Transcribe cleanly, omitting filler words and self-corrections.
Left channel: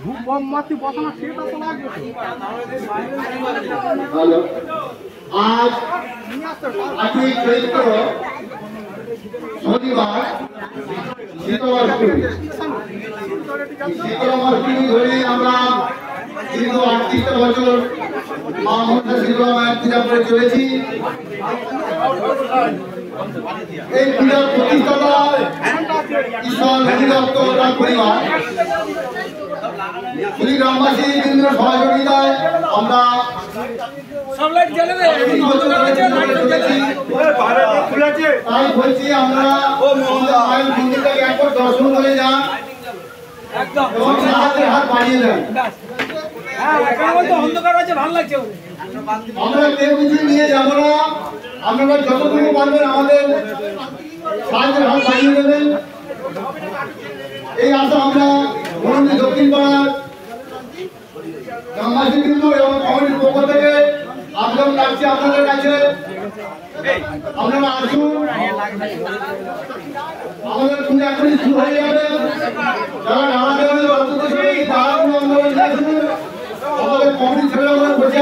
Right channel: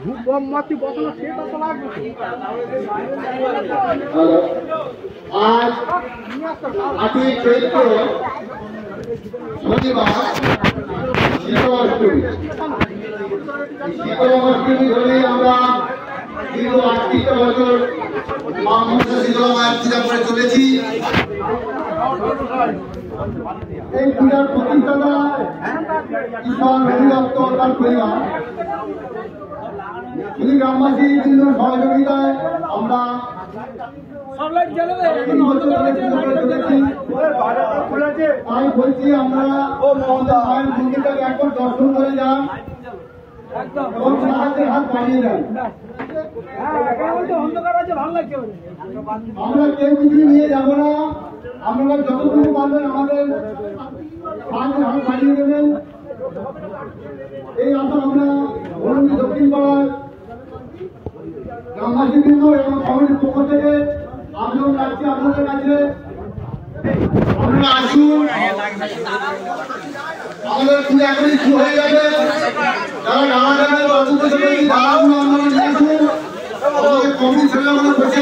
ধূপ বম মাটি বসানো সেটা তো লাগবে। আজ শনিবার ধরে আমরা দীর্ঘ 38টা বছর মা মনসা শীতলা মায়ের পূজা করে চলেছি। এই পূজার প্রতিষ্ঠাতা ঈশ্বর হরিদত্ত তার পরিবার গ্রামবাসী কেন্দ্রের সহযোগিতায় আমরা তাই বলছি আমরা মায়ের মন্দিরটাকে একবার দর্শন করে যান এবং হাতের হাত বাড়িয়ে দেন। আমরা কেউ কিছু নিয়ে যাবো না, আপনারা যতটুকু পারবেন আমাদের সাহায্যের হাত বাড়িয়ে দেবেন। এই আশা আমরা দক্ষিণ পাড়ার গ্রামবাসী কিন্তু এবং কমিটির পক্ষ থেকে আবেদন রাখছি আপনাদের কাছে, আপনারা আসুন। আমাদের পুজো এখনই শুরু হয়ে যাবে। যারা নানা জায়গায় আমাদের কমিটির ছেলে আমরা বসে